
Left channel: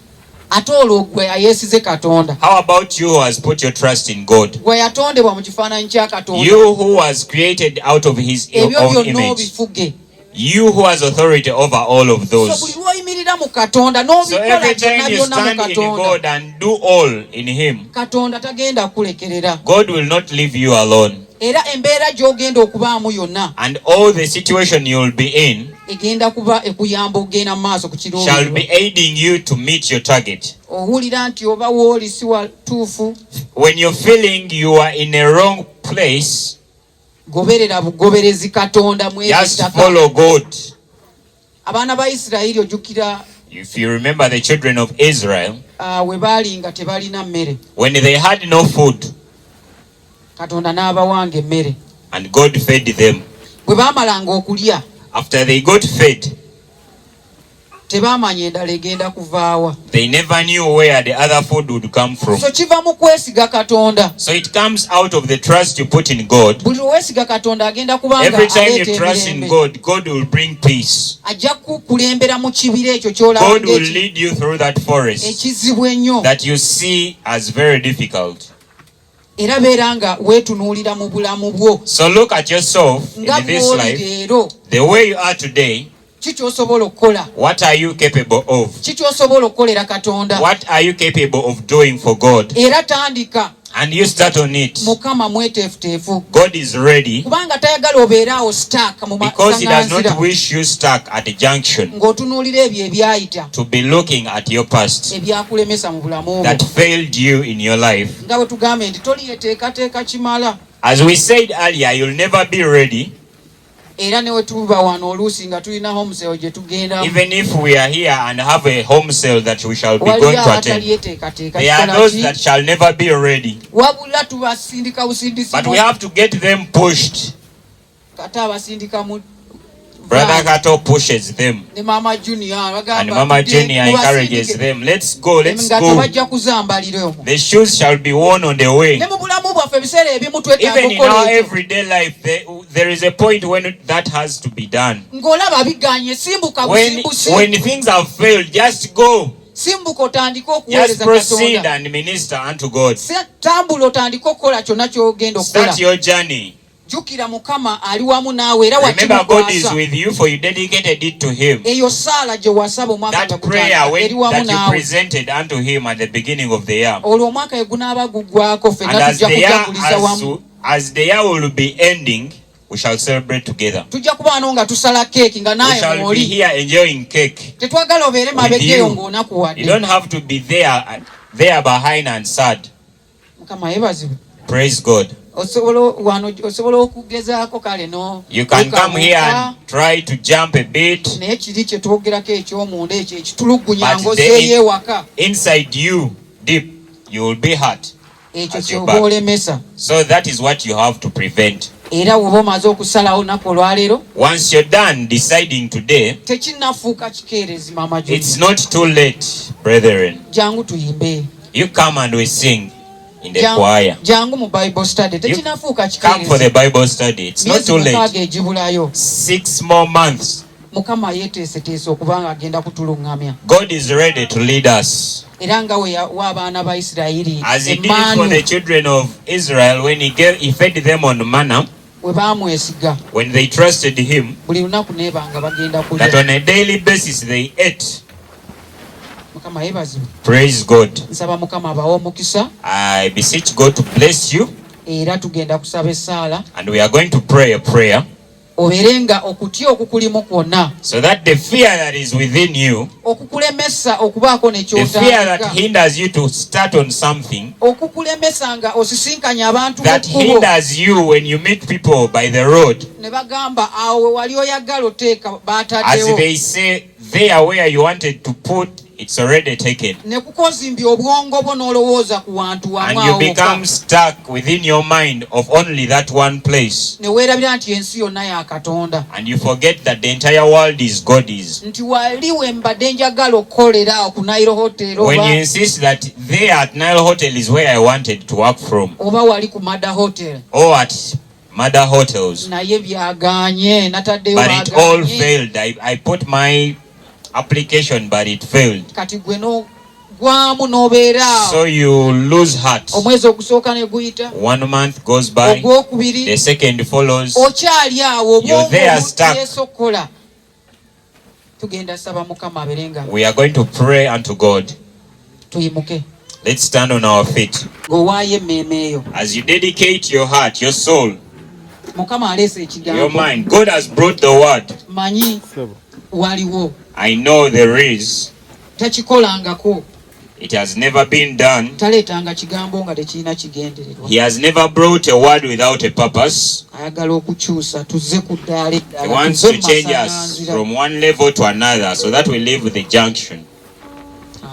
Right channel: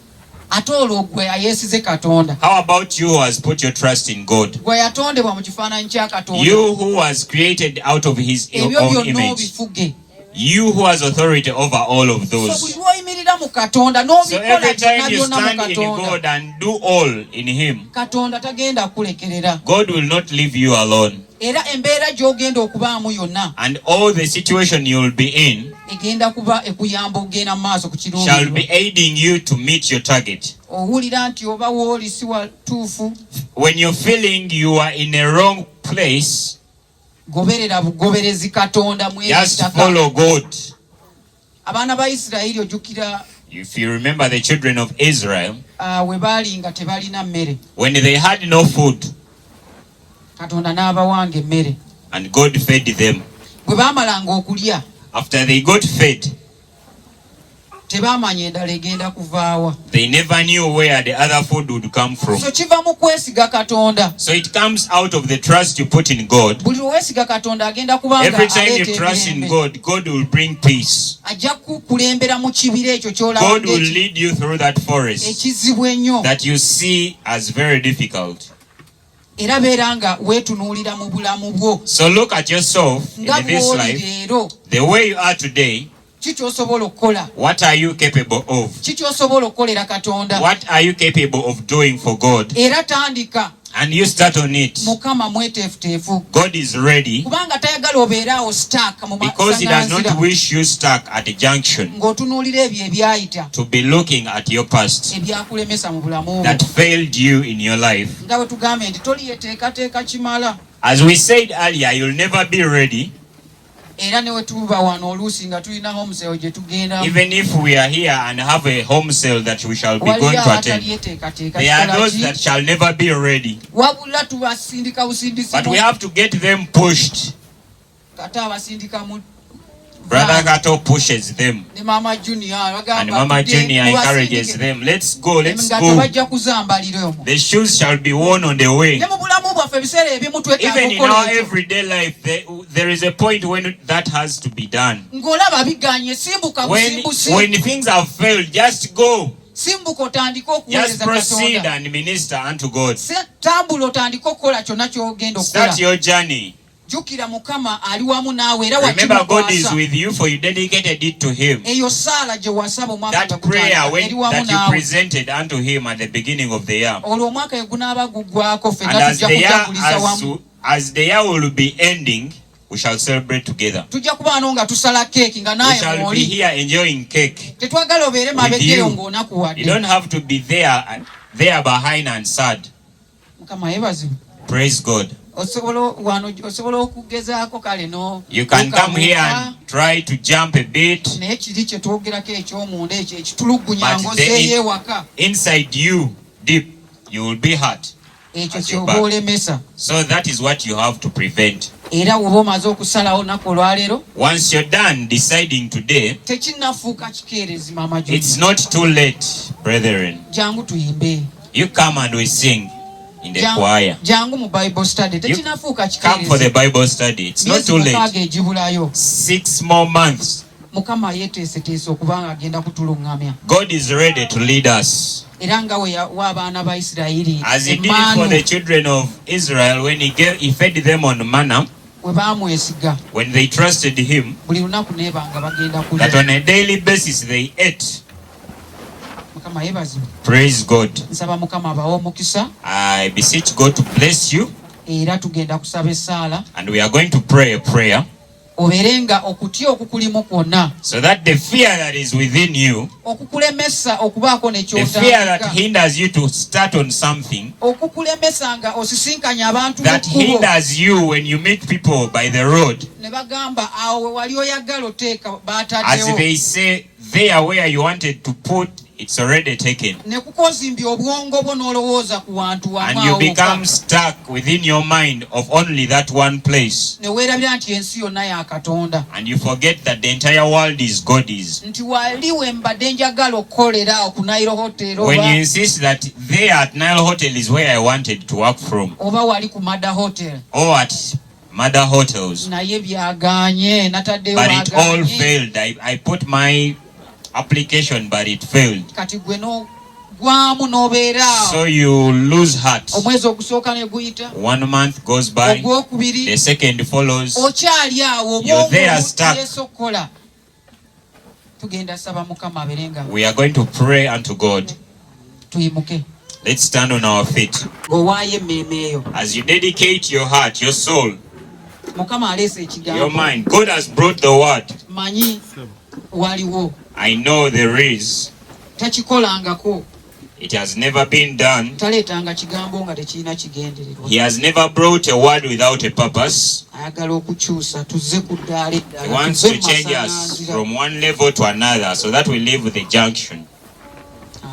Ate olwo gwe ayeesize katonda. How about you who has put your trust in God? Gwe yatondebwa mu kifaananyi kya katonda. You who was created out of his ebyo own byonna image. obifuge. You who has authority over all of So those. buli lw'oyimirira mu katonda So n'obikola every byonna time you byonna mu stand in katonda, God and do all in him, katonda tagenda kulekerera. God will not leave you alone. Era embeera gy'ogenda okubaamu yonna And all the situation you'll be in egenda kuba ekuyamba okugenda mu maaso ku shall be kirungi. aiding you to meet your target. Owulira nti oba wooli si watuufu, When you're feeling you are in a wrong place, goberera bugoberezi katonda mu just ebitaka. follow God. Abaana ba Isirayiri ojjukira If you remember the children of Israel, we baali nga tebalina mmere, when they had no food, katonda n'abawanga emmere. and God fed them. Bwe baamalanga okulya After they got fed, tebaamanya endala egenda kuvaawa. they never knew where the other food would come from. So kiva mu kwesiga katonda. So it comes out of the trust you put in God. Buli weesiga katonda agenda kubanga Every time you aleeta trust in emirembe. God, God will bring peace. Ajja kukulembera mu kibira ekyo ky'olaba God will lead you through that forest ekizibu ennyo. that you see as very difficult. Era beera nga weetunuulira mu bulamu bwo So look at yourself nga in this bw'oli life, leero. the way you are today. Ki ky'osobola okukola? What are you capable of? Ki ky'osobola okukolera katonda? What are you capable of doing for God? Era tandika. And you start on it. Mukama mweteefuteefu. God is ready Kubanga tayagala obeeraawo stuck mu because He does not masaŋŋanzira wish you stuck at a junction ng'otunuulira ebyo ebyayita to be looking at your past ebyakulemesa mu bulamu bwo. that failed you in your life. Nga bwe tugambye nti toliyeteekateeka kimala. As we said earlier, you'll never be ready. Era ne we tuba wano oluusi nga tulina homeseo gye tugenda. Even if we are here and have a home sale that we shall be going Waliwo to attend, abataliyeteekateeka. there are Kikola those ki? that shall never be ready. Wabula tubasindika busindisi. But we have to get them pushed. Kata abasindika mu Brother Kato pushes them, ne Mama Junior bagamba and Mama tudde Junior tubasindike. encourages them. Let's go, let's Nga go. tebajja kuzambalira omwo. The shoes shall be worn on the way. Ne mu bulamu bwaffe ebiseera ebimu twetaaga Even in our okukola ekyo. everyday life, there is a point when that has to be done. Ng'olaba biganye, simbuka busimbusi. When things have failed, just go. Simbuka otandike Just okuweereza proceed Katonda. and minister unto God. Tambula otandike okukola kyonna ky'ogenda Start okukola. your journey. Jjukira Mukama ali wamu naawe era Remember, God is wakimukwasa. with you, for you dedicated it to Him. Eyo saala gye wasaba omwaka That gwe prayer gutandika, eri wamu that you naawe. presented unto Him at the beginning of the year. Olwo omwaka gwe gunaaba guggwako And ffenna as tujja the kujaguliza wamu. year will be ending, we shall celebrate together. tujja kuba wano nga tusala keeki nga We naye shall be mwoli. here enjoying cake Tetwagala obeere with mabegeeyo you. ng'onakuwadde. You don't have to be there behind and sad. Mukama yeebazibwe. Praise God. Osobola okugezaako kale no. You can come here and try to jump a bit, naye kiri kye twogerako eky'omunda ekyo ekitulugunya but ng'ozzeeyo ewaka. inside you, deep, you will be hurt. Ekyo at your ky'oba back. olemesa. So that is what you have to prevent. Era bw'oba omaze okusalawo olunaku olwaleero Once you're done deciding today, tekinnafuuka kikeerezi mama it's Joni. not too late, brethren. Jangu tuyimbe. You come and we sing in the choir. Jangu mu Bible study. Tekinnafuuka Come for the kikeerezi. Bible study. It's not Myezi too late. mukaaga egibulayo. 6 more months. Mukama yeeteeseteese okuba ng'agenda kutuluŋŋamya. God is ready to lead us. Era nga w'abaana ba Isirayiri As he did it for the children of Israel when he fed them on manna, we baamwesiga when they trusted him, buli lunaku neebanga bagenda that kulya. on a daily basis they ate. Mukama yeebazibwe. Praise God. Nsaba Mukama abawe omukisa I beseech God to bless you, era tugenda kusaba essaala and we are going to pray a prayer obeere nga okutya okukulimu kwonna so that the fear that is within you, okukulemesa okubaako ne the fear that kyotandika, hinders you to start on something, okukulemesa nga osisinkanya abantu that mu kkubo hinders you when you meet people by the road, ne bagamba awo wali oyagala oteeka as baataddewo they say there where you wanted to put, it's already taken. ne kukozimbya obwongo bwo n'olowooza ku wantu wamu And awo you become stuck within your mind of only that one place. ne weerabira nti ensi yonna ya Katonda, And you forget that the entire world is God's. nti wali we mbadde njagala okukolera ku Nile Hotel When you insist that there at Nile Hotel is where I wanted to work from, oba wali ku Mada Hotel, or at mother hotels, naye byagaanye nataddeyo but it all bagaanye. failed. I put my application, but it failed. Kati gwe n'ogwamu n'obeera So you lose heart. omwezi ogusooka ne guyita, 1 month goes by, ogwokubiri the second follows. okyali awo You're there stuck. yeesokola. Tugenda saba Mukama abeere nga We are going to pray unto God. tuyimuke Let's stand on our feet. ng'owaayo emmeeme eyo. As you dedicate your heart, your soul, Mukama aleese your ekigambo, mind, God has brought the word. manyi waliwo, I know there is. takikolangako, It has never been done. taleetanga kigambo nga tekirina kigendererwa. He has never brought a word without a purpose. Ayagala okukyusa tuzze ku ddaala He eddala, wants tuzze to mu change us masalanzira. from one level to another so that we live with the junction.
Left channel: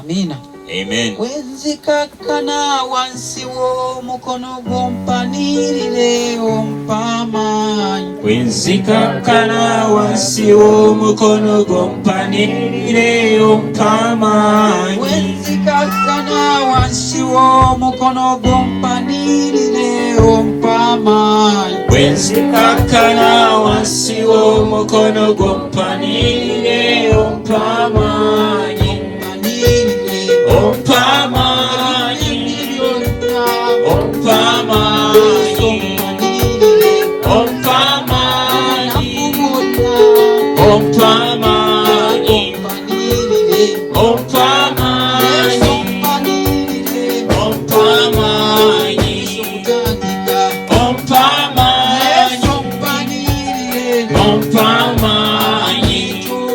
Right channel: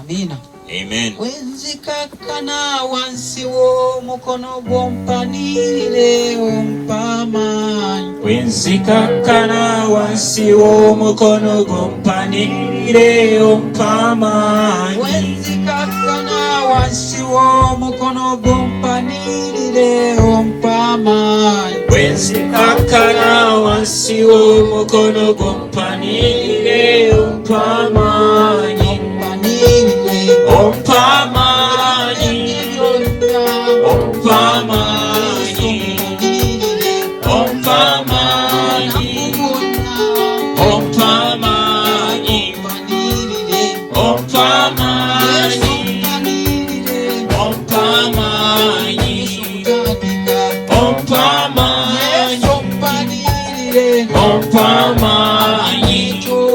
Amiina. Amen. Wenzikakkana wansi w'omukono gw'ompanirire ompamaanyi. Wenzikakkana wansi w'omukono gw'ompanirire ompamaanyi. Wenzikakkana wansi w'omukono gw'ompanirire ompamaanyi. Wenzikakkana wansi w'omukono gw'ompanirire ompamaanyi. Ompamaanyi, ompamaanyi, ompamaanyi, ompamaanyi, ompamaanyi, ompamaanyi, ompamaanyi, ompamaanyi, ompamaanyi,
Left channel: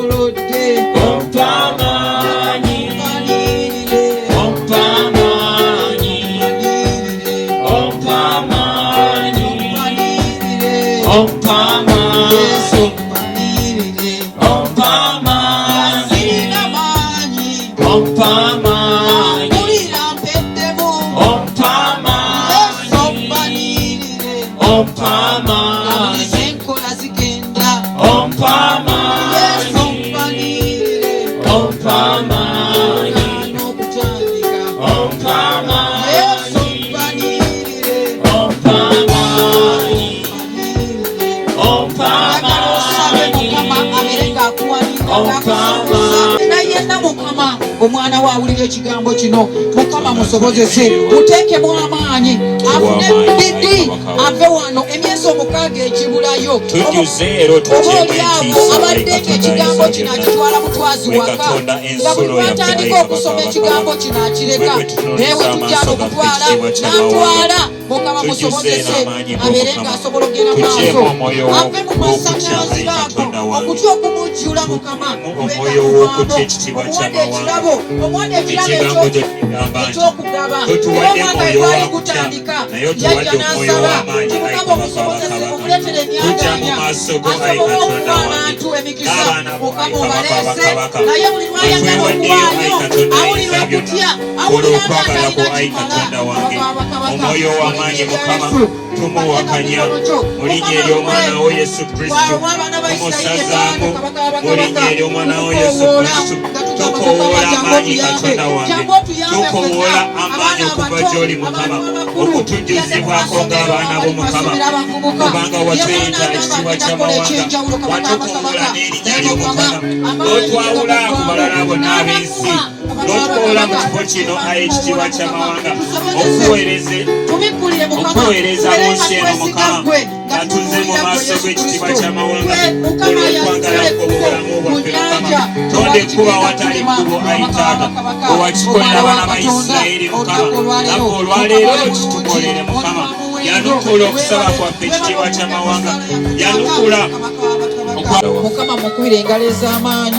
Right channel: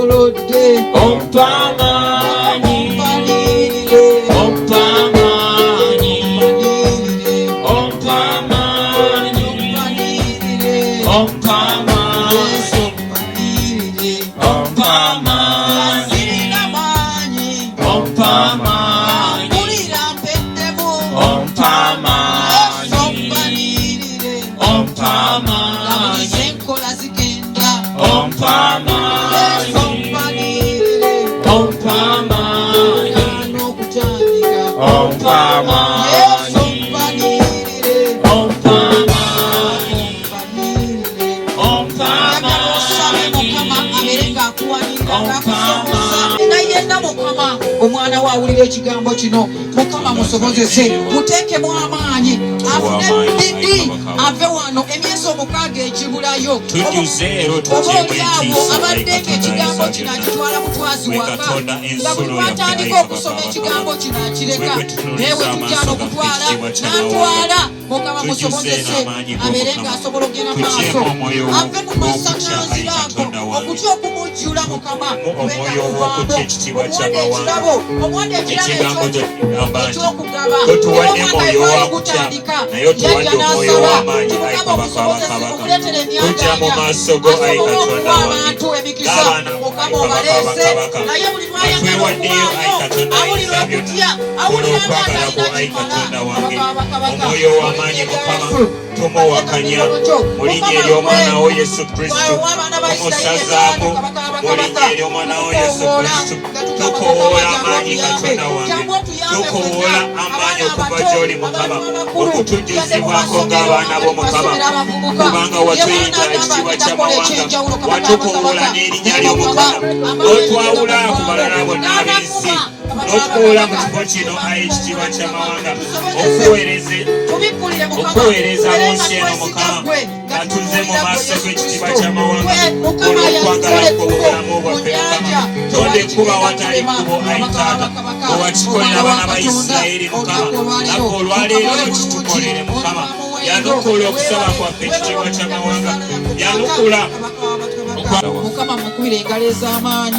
omwana we awulira ekigambo kino, Mukama musobozese, muteekemu amaanyi afune bigi ave wano emyezi 6 egibulayo abadde ekigambo kino akitwala mutwazi waka nga bwe twatandika okusoma ekigambo kino akireka naye we tujja okutwala n'atwala mukama musobozese abeere ng'asobola ogenda maaso ave mu masanyalaze baago okutya okumujjula mukama omwoyo w'okutya ekitiibwa ky'amawanga ekigambo ekyokugaba totuwadde mwoyo wa kutya naye otuwadde omwoyo w'amaanyi ayi kabaka bakabaka tujja mu maaso go ayi katonda wange n'abaana bakabaka otwewaddeyo ayi katonda ayinza byonna olw'okwagala kwo ayi katonda wange omwoyo w'amaanyi mukama tumuwakanya mu linnya ery'omwana wo yesu kristo omusazaamu mu linnya ery'omwana wo yesu kristo tukoola amaanyi katonda wange tukoola amaanyi okuva gy'oli mukama okutujjuzibwako ng'abaana bo mukama kubanga watuyita ekitiibwa ky'amawanga watukoola n'erinnya ly'omukama n'otwawula ku balala bonna ab'ensi n'otukoola mu kifo kino ayi ekitiibwa ky'amawanga okuweereza mu nsi eno mukama nga tuze mu maaso g'ekitiibwa ky'amawanga olw'okwagala kw'obulamu bwaffe mukama tondekuba watali kkubo ayi taata owakikolera abaana ba isirayiri mukama nabwe olwaleero kitukolere mukama yanukula okusaba kwaffe ekitiibwa ky'amawanga yanukula mukama mukubire engalo ez'amaanyi